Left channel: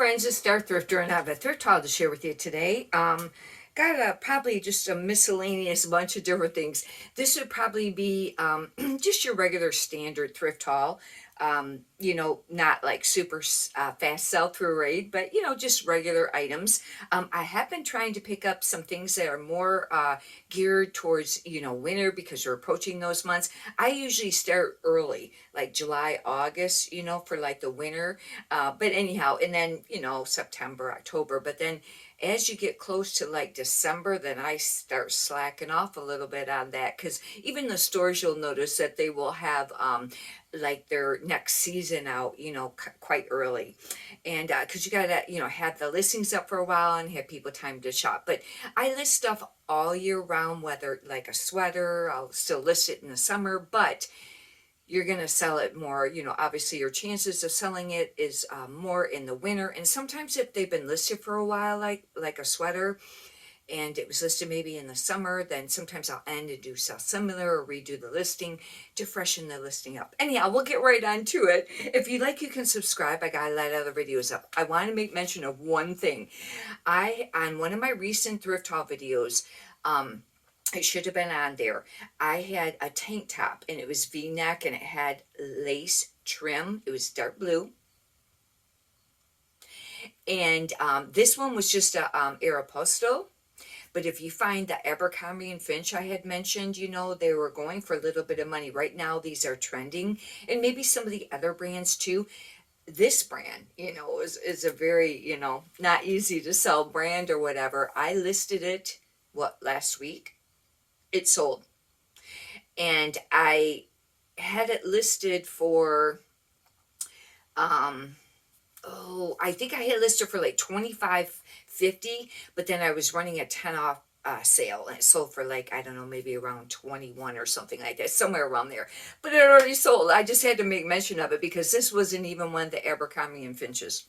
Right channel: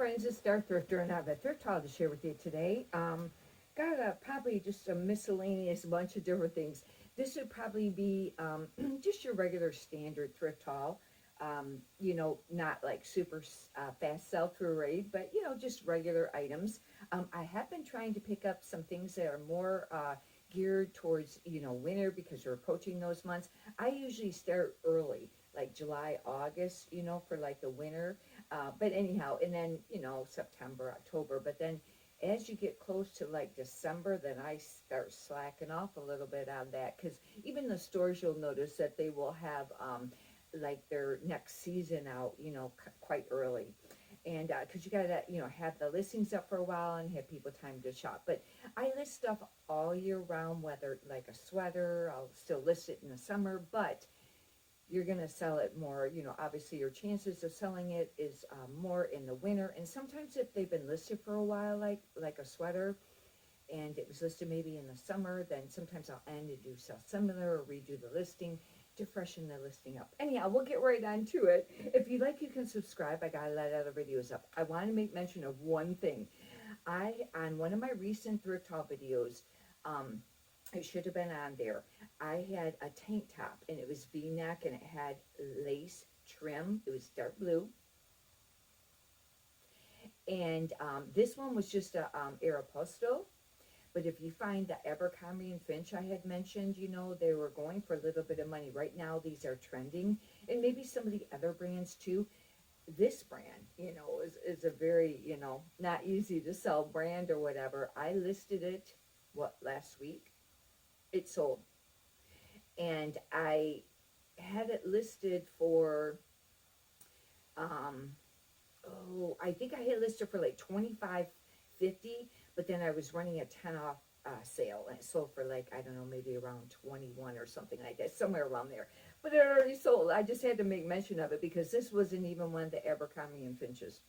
friends, it's Star Thrifter, and I have a thrift haul to share with you today. Got probably just a miscellaneous bunch of different things. This would probably be just your regular standard thrift haul. Not like super fast sell through rate, but just regular items. I have been trying to pick up some things that are more geared towards winter because we're approaching those months. I usually start early, like July, August, for like the winter. But anyhow, and then September, October. But then as you get close to like December, then I start slacking off a little bit on that, because even the stores, you'll notice that they will have like their next season out, quite early. And because you gotta, have the listings up for a while and have people time to shop. But I list stuff all year round, whether like a sweater, I'll still list it in the summer, but you're going to sell it more. Obviously your chances of selling it is more in the winter. And sometimes if they've been listed for a while, like a sweater, and it was listed maybe in the summer, then sometimes I'll end and do sell similar or redo the listing to freshen the listing up. Anyhow, we'll get right on to it. If you'd like, you can subscribe. I got a lot of other videos up. I want to make mention of one thing. On one of my recent thrift haul videos, it should have been on there. I had a tank top and it was V-neck and it had lace trim. It was dark blue. And this one was just a Aeropostale. But if you find the Abercrombie and Finch I had mentioned, they were going for a little bit of money. Right now, these are trending. And maybe some of the other brands too. This brand, is a very, not easy to sell brand or whatever. I listed it, last week? It sold. And I had it listed for, I think I had listed for like 25.50, but then I was running a 10 off sale and it sold for like, I don't know, maybe around 21 or something like that, somewhere around there. But it already sold. I just had to make mention of it because this wasn't even one of the Abercrombie and Finches.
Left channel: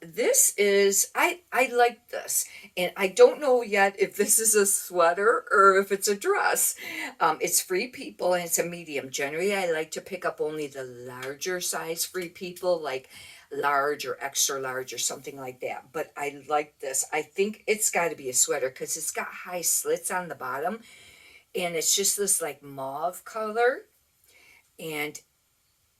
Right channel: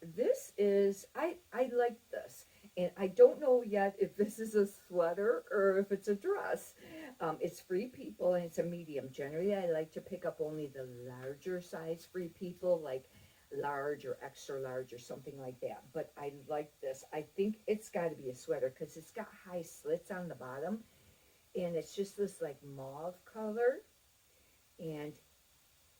This is, I like this, and I don't know yet if this is a sweater or if it's a dress. It's Free People and it's a medium. Generally, I like to pick up only the larger size Free People, like large or extra large or something like that. But I like this. I think it's got to be a sweater because it's got high slits on the bottom, and it's just this like mauve color, and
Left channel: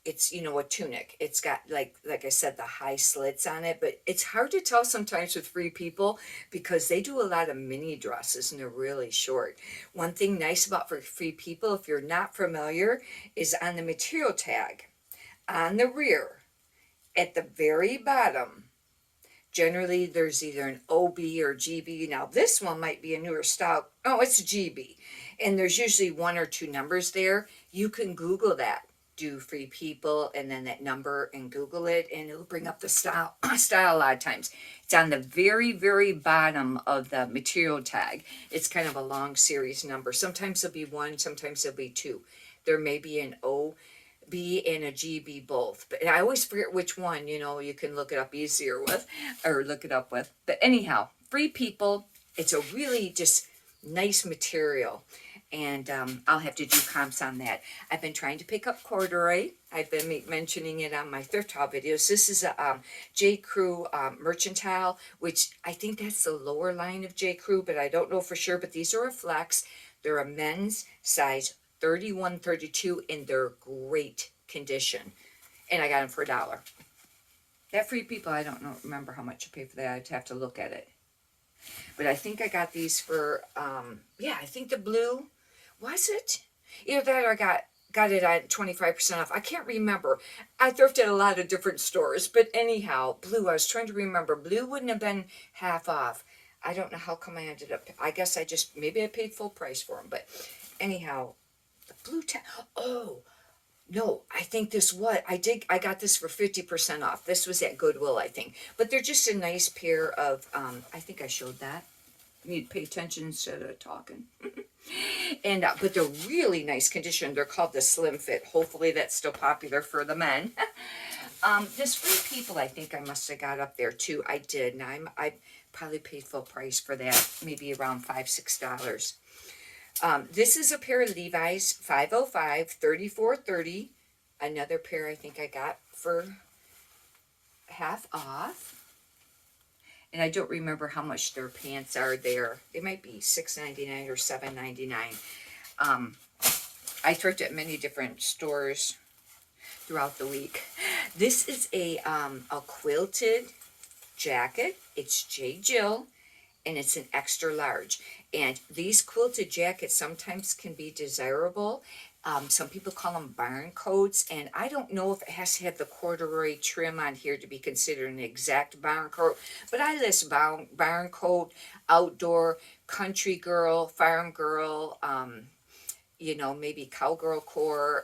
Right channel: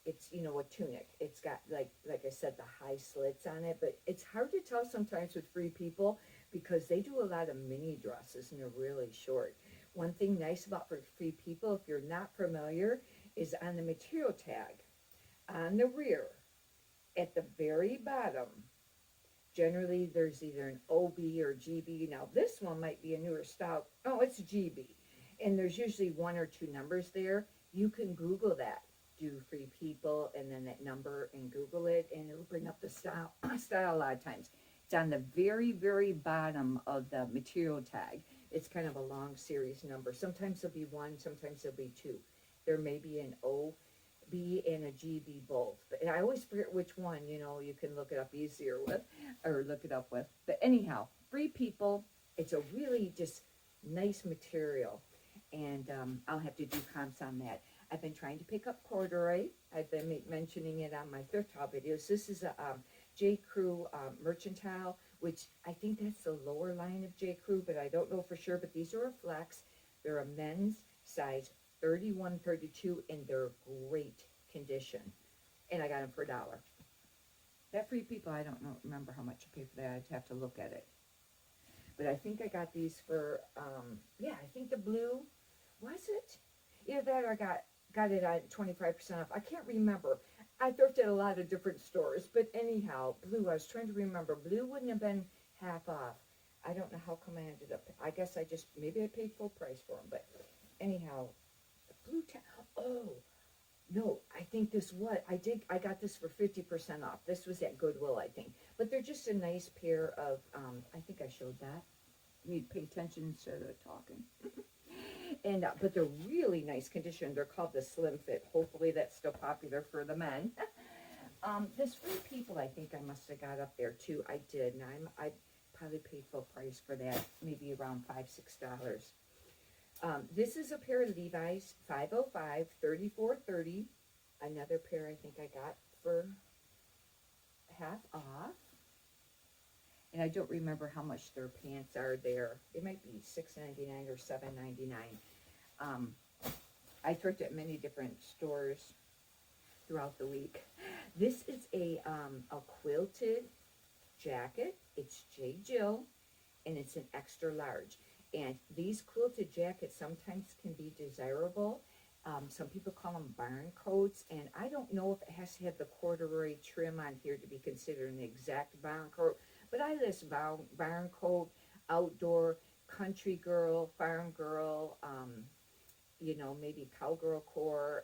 it's a tunic. It's got like I said, the high slits on it, but it's hard to tell sometimes with Free People because they do a lot of mini dresses and they're really short. One thing nice about Free People, if you're not familiar, is on the material tag on the rear at the very bottom. Generally there's either an OB or GB. Now this one might be a newer style. Oh, it's a GB, and there's usually one or two numbers there. You can Google that, do Free People and then that number and Google it, and it'll bring up the style style a lot of times. It's on the very, very bottom of the material tag. It's kind of a long series number. Sometimes it'll be one, sometimes it'll be two. There may be an OB and a GB both, but I always forget which one. You can look it up easier with, or look it up with. But anyhow, Free People, it's a really just nice material. And I'll have to do comps on that. I've been trying to pick up corduroy. I've been mentioning it on my thrift haul videos. This is a J. Crew mercantile, which I think that's the lower line of J. Crew, but I don't know for sure. But these are a flex. They're a men's size 31, 32, and they're great condition. And I got them for $1. That Free People, I don't remember how much I paid for that. I'd have to look at it. But I think I got these for, I think the blue, was it? Either that or I got it at 25% off. I can't remember. I thrifted a lot of different stores. But anyhow, blue, I was trying to remember. Blue wouldn't have been half off. I don't know how come I ended up, I guess maybe I paid full price for them. But anyhow, the blue oh, no, I think I got this for 50% off. This was at Goodwill, I think. But they're just a nice pair of, I think I showed that. You need to pay attention instead of talking. And, but they're really nice condition. They're called the Slim Fit. Hopefully that's still popular for the men. This Free People, I think I must have got up there too. I did. And I probably paid full price for that. Maybe around $5, $6. This is a pair of Levi's 505 3430. Another pair I think I got for half off. And I don't remember how much their pants are there. They might be $6.99 or $7.99. I thrifted at many different stores throughout the week. This is a quilted jacket. It's J. Jill, and it's an extra large. And these quilted jackets sometimes can be desirable. Some people call them barn coats, and I don't know if it has to have the corduroy trim on here to be considered an exact barn coat, but I list barn coat, outdoor, country girl, farm girl, you know, maybe cowgirl core,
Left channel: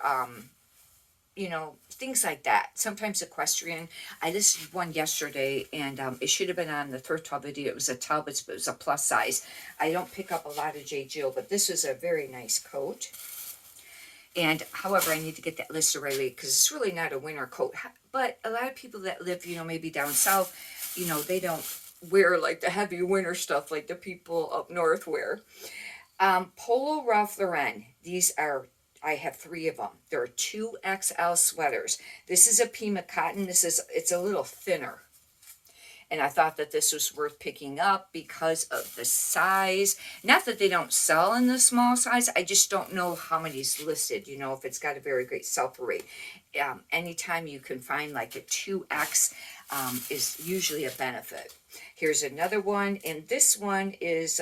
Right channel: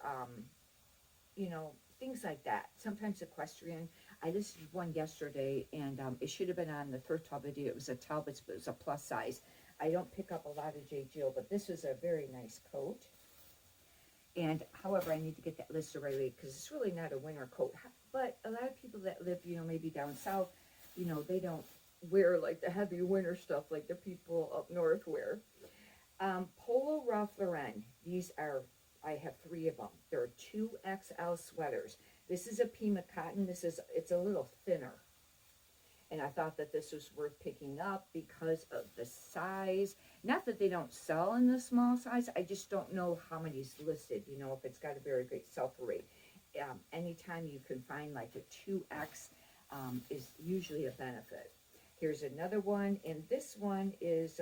you know, things like that. Sometimes equestrian. I listed one yesterday, and it should have been on the thrift haul video. It was a Talbot's, but it was a plus size. I don't pick up a lot of J. Jill, but this is a very nice coat. And however, I need to get that listed right away because it's really not a winter coat. But a lot of people that live, you know, maybe down south, you know, they don't wear like the heavy winter stuff like the people up north wear. Polo Ralph Lauren. These are, I have 3 of them. They're 2XL sweaters. This is a Pima cotton. It's a little thinner. And I thought that this was worth picking up because of the size. Not that they don't sell in the small size. I just don't know how many's listed, you know, if it's got a very great sell-through rate. Anytime you can find like a 2X is usually a benefit. Here's another one, and this one is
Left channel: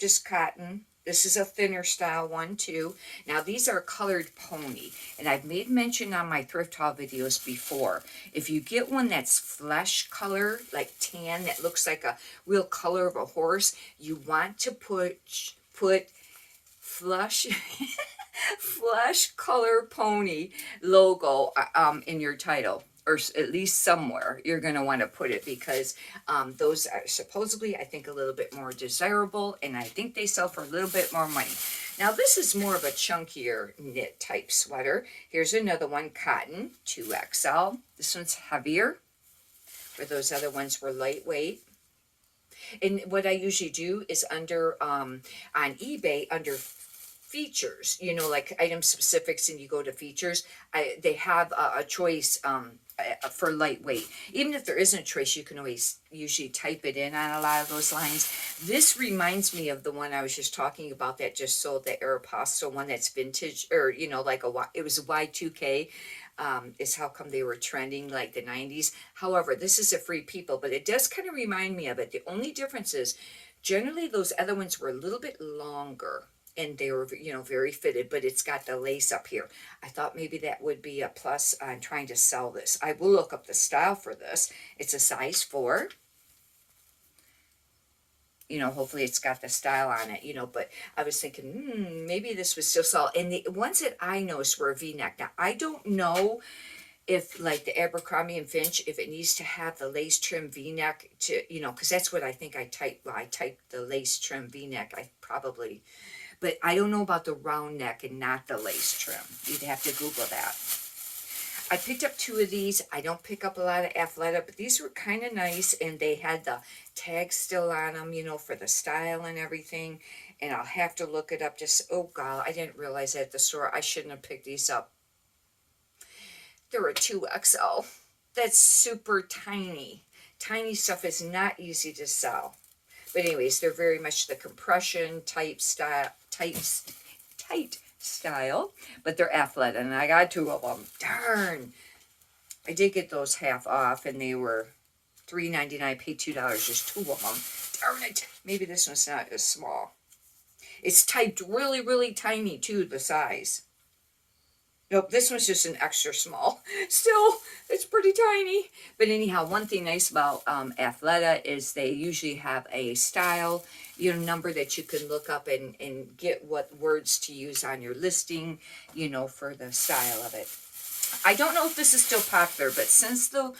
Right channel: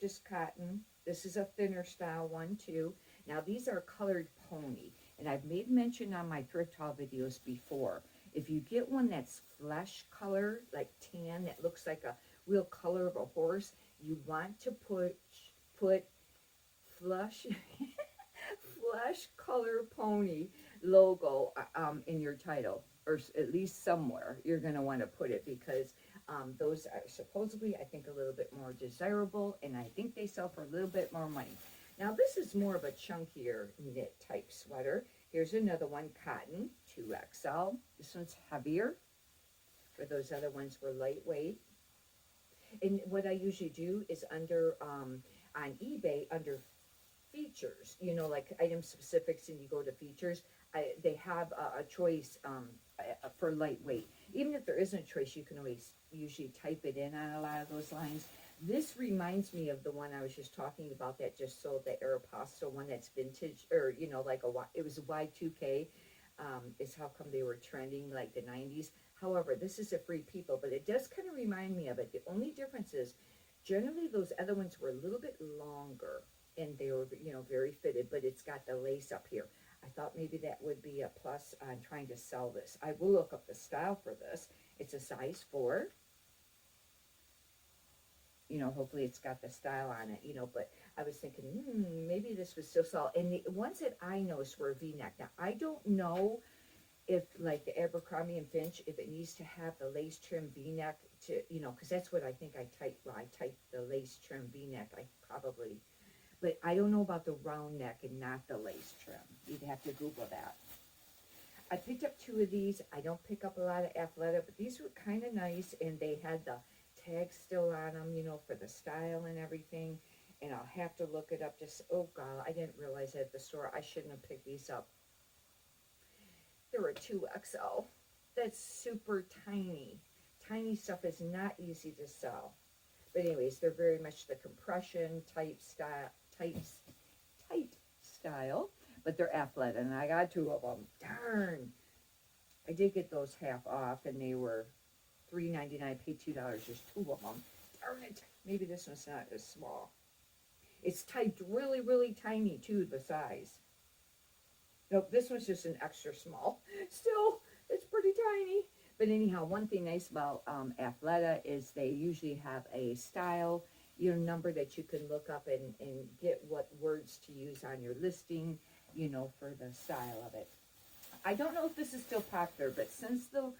just cotton. This is a thinner style one too. Now these are colored pony, and I've made mention on my thrift haul videos before. If you get one that's flesh color, like tan, that looks like a real color of a horse, you want to put flesh flesh color pony logo in your title, or at least somewhere you're going to want to put it, because those are supposedly, I think, a little bit more desirable, and I think they sell for a little bit more money. Now this is more of a chunkier knit type sweater. Here's another one, cotton, 2XL. This one's heavier, where those other ones were lightweight. And what I usually do is under on eBay, under features, you know, like item specifics, and you go to features, they have a choice for lightweight. Even if there isn't a choice, you can always usually type it in on a lot of those lines. This reminds me of the one I was just talking about that just sold, the Aeropostale one that's vintage, or, you know, like it was a Y2K. Is how come they were trending like the 90s. However, this is a Free People, but it does kind of remind me of it. The only difference is generally those other ones were a little bit longer, and they were, you know, very fitted, but it's got the lace up here. I thought maybe that would be a plus on trying to sell this. I will look up the style for this. It's a size 4. You know, hopefully it's got the style on it, you know, but I was thinking, maybe this was still sell. And the ones that I noticed were a V-neck. Now, I don't know if, like the Abercrombie and Finch, if it needs to have the lace trim V-neck to, you know, because that's what I think I typed. Well, I typed the lace trim V-neck. I probably, but I don't know about the round neck and not the lace trim. You'd have to Google that. I picked up 2 of these. I don't pick up a lot of Athleta, but these were kind of nice, and they had the tags still on them, you know, for the style and everything. And I'll have to look it up. Just, oh God, I didn't realize that at the store. I shouldn't have picked these up. They were 2XL. That's super tiny. Tiny stuff is not easy to sell. But anyways, they're very much the compression type style, tight style, but they're Athleta, and I got 2 of them. Darn. I did get those half off, and they were $3.99, paid $2, just 2 of them. Darn it. Maybe this one's not as small. It's typed really, really tiny, too, the size. Nope, this one's just an extra small. Still, it's pretty tiny. But anyhow, one thing nice about Athleta is they usually have a style, you know, number that you can look up and get what words to use on your listing, you know, for the style of it. I don't know if this is still popular, but since the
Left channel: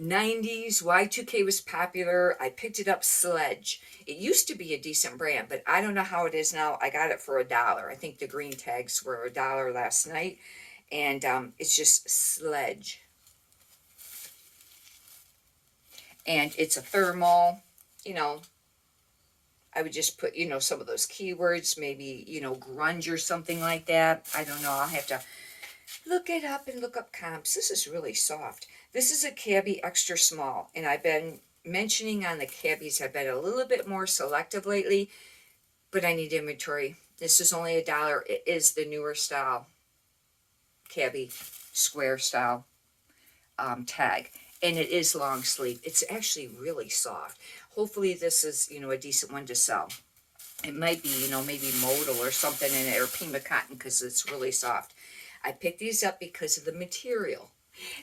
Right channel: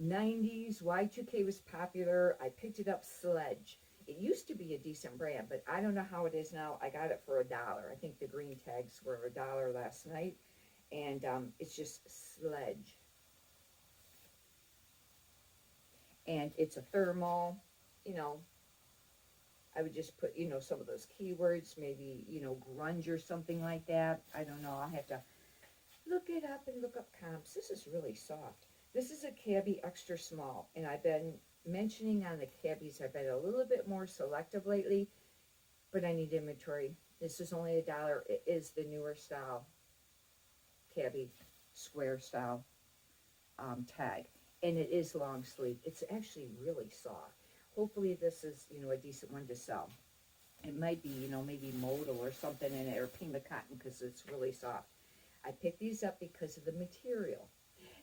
90s, Y2K was popular, I picked it up, Sledge. It used to be a decent brand, but I don't know how it is now. I got it for $1. I think the green tags were $1 last night, and it's just Sledge. And it's a thermal, you know. I would just put, you know, some of those keywords, maybe, you know, grunge or something like that. I don't know. I'll have to look it up and look up comps. This is really soft. This is a cabbie extra small, and I've been mentioning on the cabbies, I've been a little bit more selective lately, but I need inventory. This is only $1. It is the newer style cabbie square style tag, and it is long sleeve. It's actually really soft. Hopefully this is, a decent one to sell. It might be, maybe modal or something in it, or Pima cotton, because it's really soft. I picked these up because of the material.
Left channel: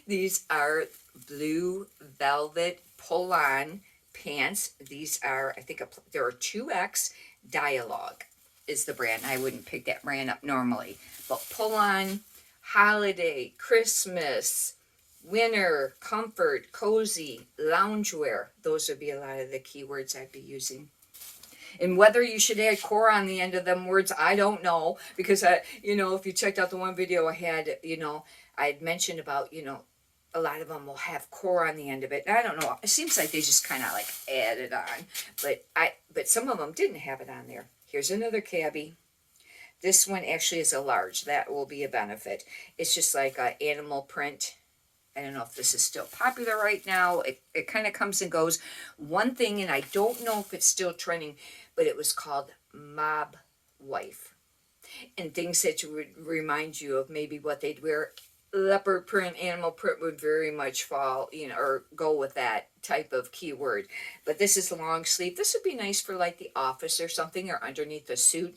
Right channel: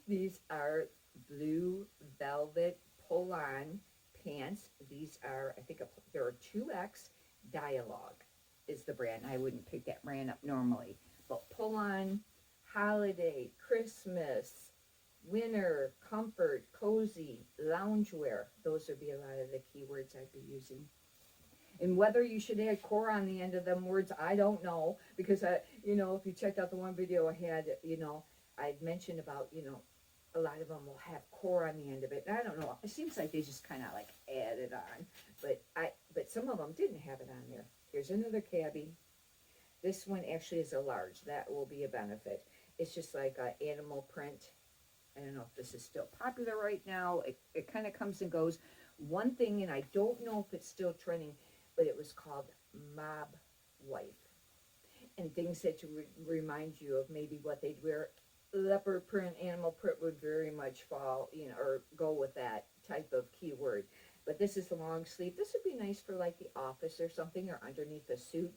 These are blue velvet pull-on pants. These are, I think, there are 2X. Dialogue is the brand. I wouldn't pick that brand up normally. But pull-on, holiday, Christmas, winter, comfort, cozy, loungewear. Those would be a lot of the keywords I'd be using. And whether you should add core on the end of them words, I don't know. Because, if you checked out the one video I had, I had mentioned about, a lot of them will have core on the end of it. And I don't know. It seems like they just kind of like add it on. But some of them didn't have it on there. Here's another cabbie. This one actually is a large. That will be a benefit. It's just like an animal print. I don't know if this is still popular right now. It kind of comes and goes. One thing, and I don't know if it's still trending, but it was called Mob Wife. And things that would remind you of maybe what they'd wear. Leopard print, animal print would very much fall, or go with that type of keyword. But this is long sleeve. This would be nice for like the office or something, or underneath a suit.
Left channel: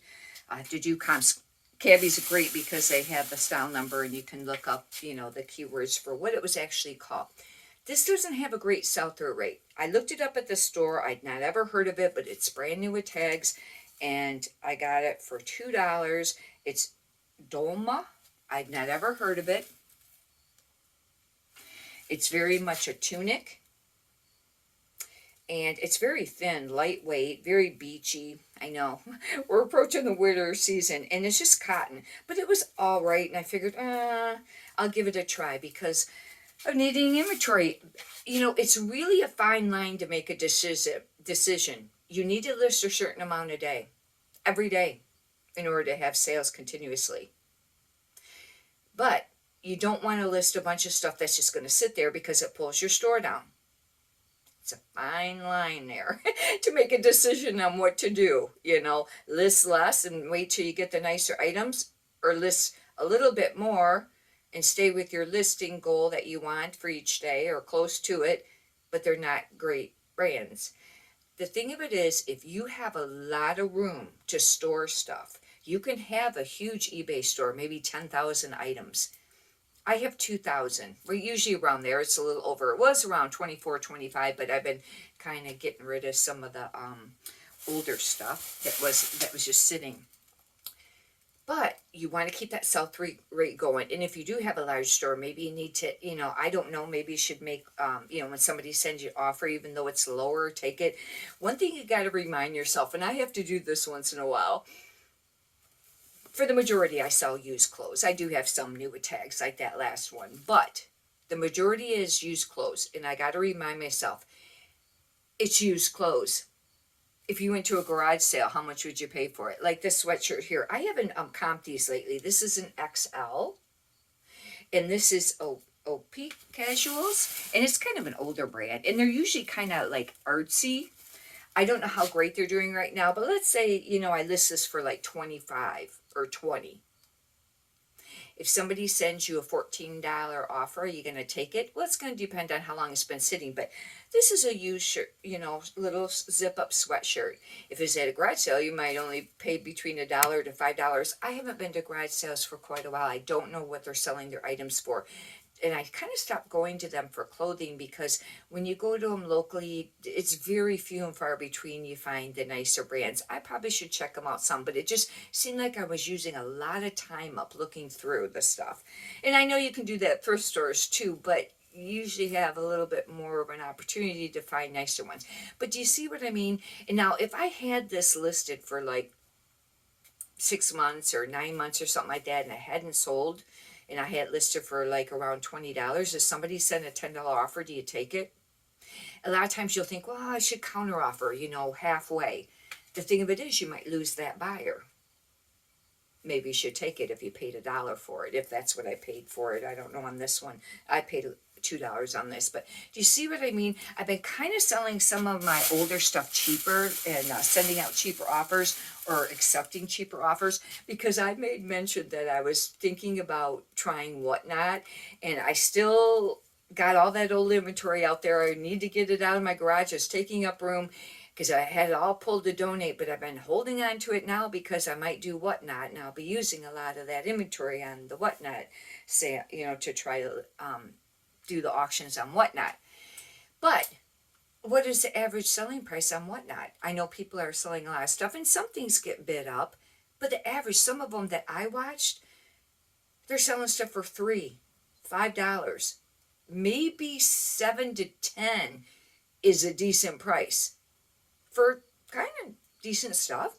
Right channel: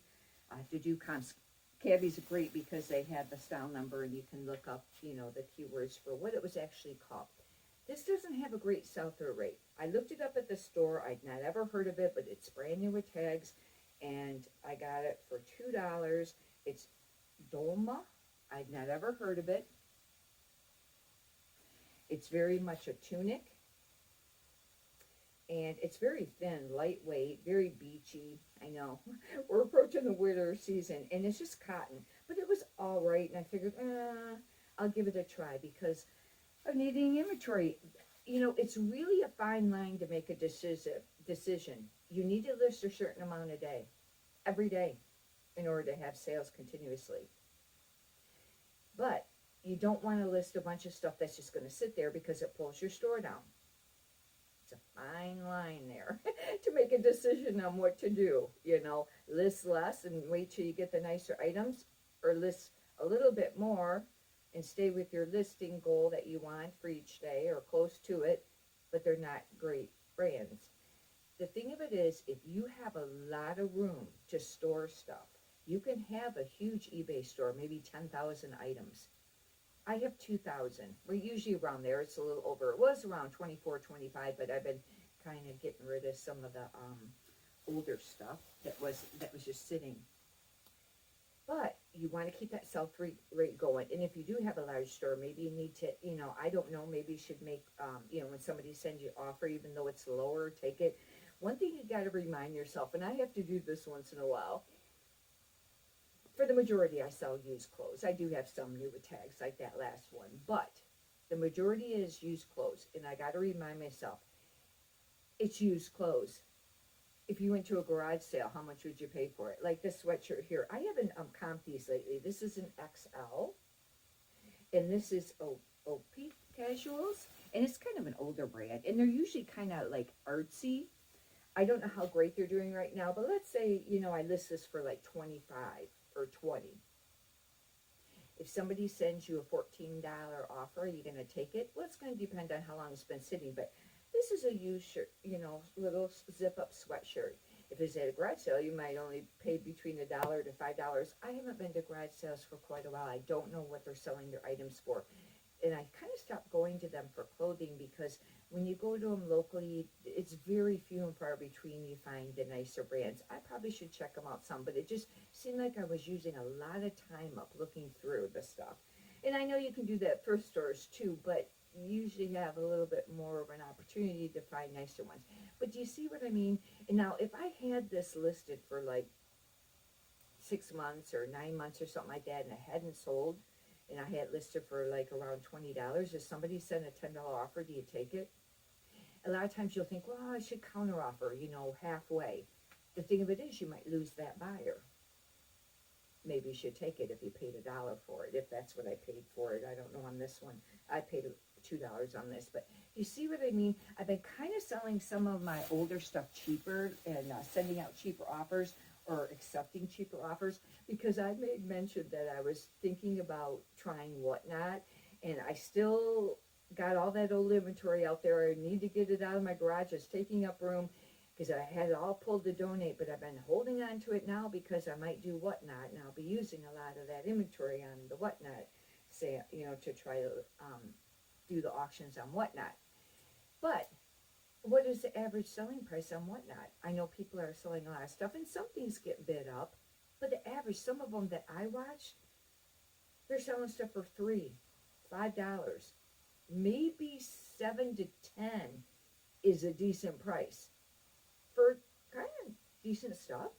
I have to do comps. Cabbies are great because they have the style number and you can look up, the keywords for what it was actually called. This doesn't have a great sell-through rate. I looked it up at the store. I'd not ever heard of it, but it's brand new with tags, and I got it for $2. It's Dolma. I'd not ever heard of it. It's very much a tunic, and it's very thin, lightweight, very beachy. I know, we're approaching the winter season, and it's just cotton, but it was all right, and I figured, I'll give it a try because of needing inventory. It's really a fine line to make a decision. You need to list a certain amount a day, every day, in order to have sales continuously. But you don't want to list a bunch of stuff that's just going to sit there because it pulls your store down. It's a fine line there to make a decision on what to do. List less and wait till you get the nicer items, or list a little bit more and stay with your listing goal that you want for each day or close to it, but they're not great brands. The thing of it is, if you have a lot of room to store stuff, you can have a huge eBay store, maybe 10,000 items. I have 2,000. We're usually around there. It's a little over. It was around 24, 25, but I've been kind of getting rid of some of the older stuff that was just sitting. But you want to keep that sell-through rate going. And if you do have a large store, maybe you need to, I don't know, maybe you should make, when somebody sends you an offer, even though it's lower, take it. One thing you got to remind yourself, and I have to do this once in a while, for the majority, I sell used clothes. I do have some new with tags like that last one, but the majority is used clothes. And I got to remind myself, it's used clothes. If you went to a garage sale, how much would you pay for it? Like this sweatshirt here. I haven't comped these lately. This is an XL, and this is OP Casuals, and it's kind of an older brand, and they're usually kind of like artsy. I don't know how great they're doing right now, but let's say, I list this for like 25 or 20. If somebody sends you a $14 offer, are you going to take it? Well, it's going to depend on how long it's been sitting, but this is a used shirt, little zip-up sweatshirt. If it's at a garage sale, you might only pay between $1 to $5. I haven't been to garage sales for quite a while. I don't know what they're selling their items for. And I kind of stopped going to them for clothing because when you go to them locally, it's very few and far between you find the nicer brands. I probably should check them out some, but it just seemed like I was using a lot of time up looking through the stuff. And I know you can do that at thrift stores too, but you usually have a little bit more of an opportunity to find nicer ones. But do you see what I mean? And now if I had this listed for like 6 months or 9 months or something like that and I hadn't sold, and I had it listed for like around $20. If somebody sent a $10 offer, do you take it? A lot of times you'll think, well, I should counter offer, halfway. The thing of it is, you might lose that buyer. Maybe you should take it if you paid $1 for it, if that's what I paid for it. I don't know on this one. I paid $2 on this, but do you see what I mean? I've been kind of selling some of my older stuff cheaper and sending out cheaper offers or accepting cheaper offers, because I made mention that I was thinking about trying Whatnot, and I still got all that old inventory out there. I need to get it out of my garage. It's taking up room because I had it all pulled to donate, but I've been holding on to it now because I might do Whatnot, and I'll be using a lot of that inventory on the Whatnot sale, to try to do the auctions on Whatnot. But what is the average selling price on Whatnot? I know people are selling a lot of stuff, and some things get bid up, but the average, some of them that I watched, they're selling stuff for $3, $5, maybe $7 to $10 is a decent price for kind of decent stuff.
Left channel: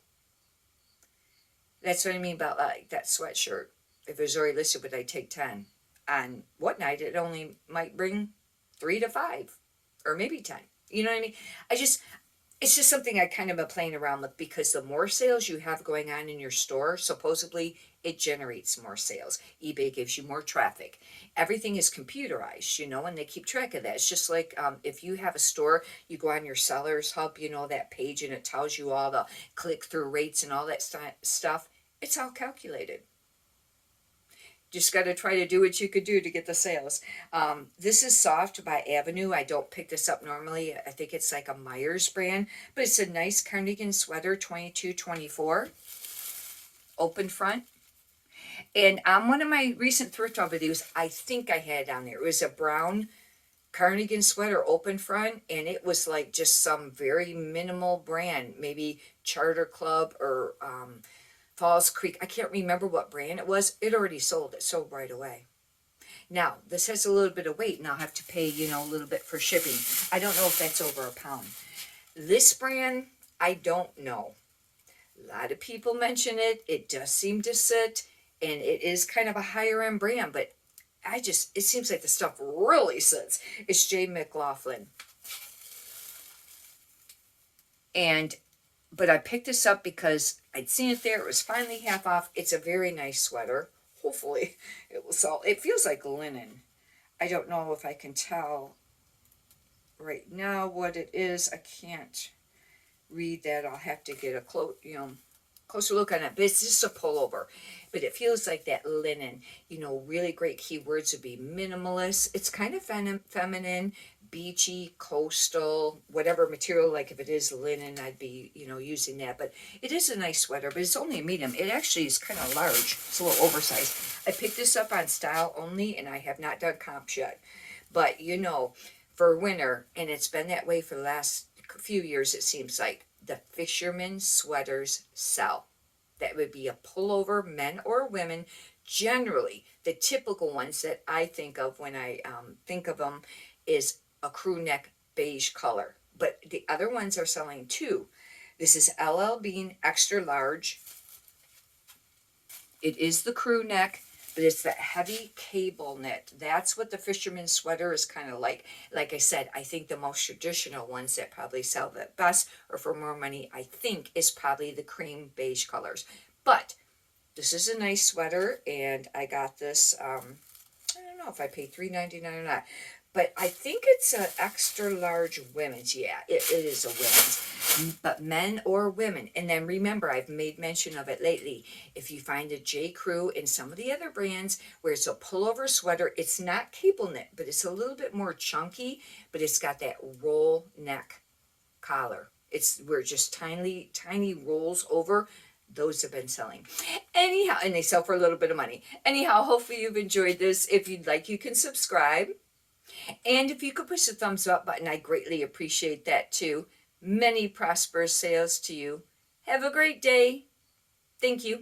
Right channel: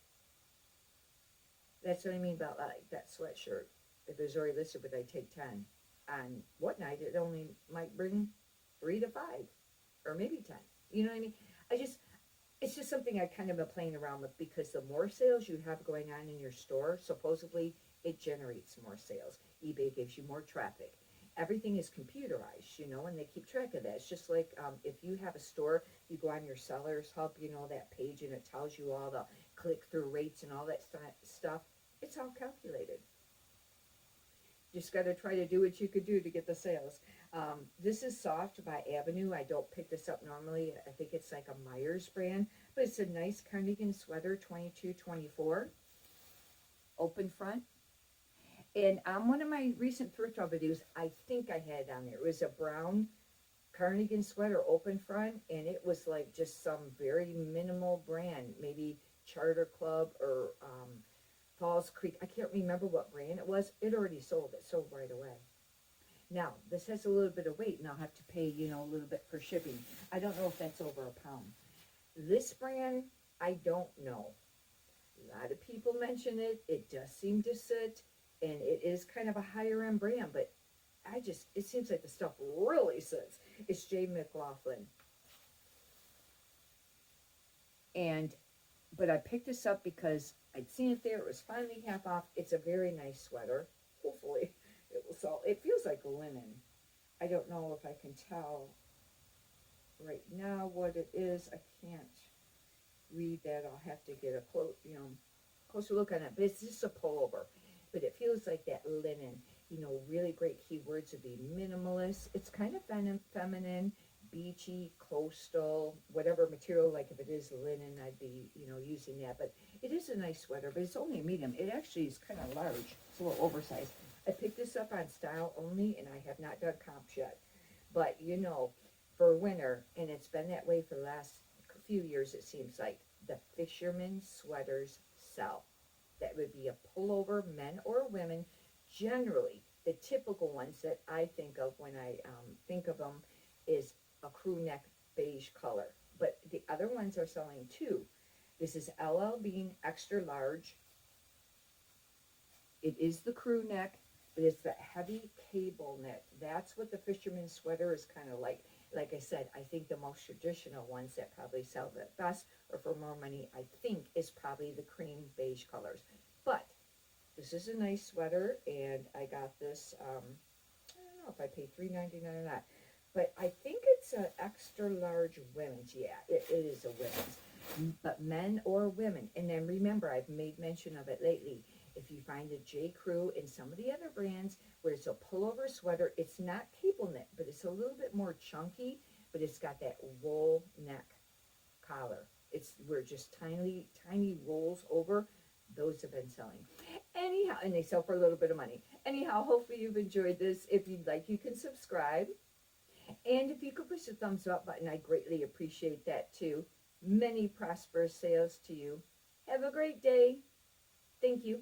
That's what I mean about like that sweatshirt. If it was already listed, would I take 10? On Whatnot, it only might bring 3 to 5, or maybe 10. You know what I mean? It's just something I kind of been playing around with, because the more sales you have going on in your store, supposedly it generates more sales. eBay gives you more traffic. Everything is computerized, and they keep track of that. It's just like if you have a store, you go on your Sellers Hub, that page, and it tells you all the click-through rates and all that stuff. It's all calculated. Just got to try to do what you could do to get the sales. This is Soft by Avenue. I don't pick this up normally. I think it's like a Myers brand, but it's a nice cardigan sweater, $22.24, open front. And on one of my recent thrift haul videos, I think I had on there, it was a brown cardigan sweater, open front, and it was like just some very minimal brand, maybe Charter Club or Falls Creek. I can't remember what brand it was. It already sold. It sold right away. Now, this has a little bit of weight, and I'll have to pay, a little bit for shipping. I don't know if that's over a pound. This brand, I don't know. A lot of people mention it. It does seem to sit, and it is kind of a higher end brand, but it seems like the stuff really sits. It's J. McLaughlin. But I picked this up because I'd seen it there. It was finally half off. It's a very nice sweater. Hopefully it will sell. It feels like linen. I don't know if I can tell right now what it is. I can't read that. I'll have to get a closer look on it. But it's just a pullover. But it feels like that linen. Really great keywords would be minimalist. It's kind of feminine, beachy, coastal, whatever material. Like if it is linen, I'd be, using that. But it is a nice sweater, but it's only a medium. It actually is kind of large. It's a little oversized. I picked this up on Style Only, and I have not done comps yet. But, for winter, and it's been that way for the last few years, it seems like, the fisherman sweaters sell. That would be a pullover, men or women. Generally, the typical ones that I think of when I think of them is a crew neck beige color. But the other ones are selling too. This is LL Bean extra large. It is the crew neck, but it's that heavy cable knit. That's what the fisherman sweater is kind of like. Like I said, I think the most traditional ones that probably sell the best or for more money, I think, is probably the cream beige colors. But this is a nice sweater, and I got this, I don't know if I paid $3.99 or not, but I think it's an extra large women's. Yeah, it is a women's, but men or women. And then remember, I've made mention of it lately. If you find a J. Crew and some of the other brands where it's a pullover sweater, it's not cable knit, but it's a little bit more chunky, but it's got that roll neck collar. We're just tiny rolls over. Those have been selling. Anyhow, and they sell for a little bit of money. Anyhow, hopefully you've enjoyed this. If you'd like, you can subscribe. And if you could push the thumbs up button, I greatly appreciate that too. Many prosperous sales to you. Have a great day. Thank you.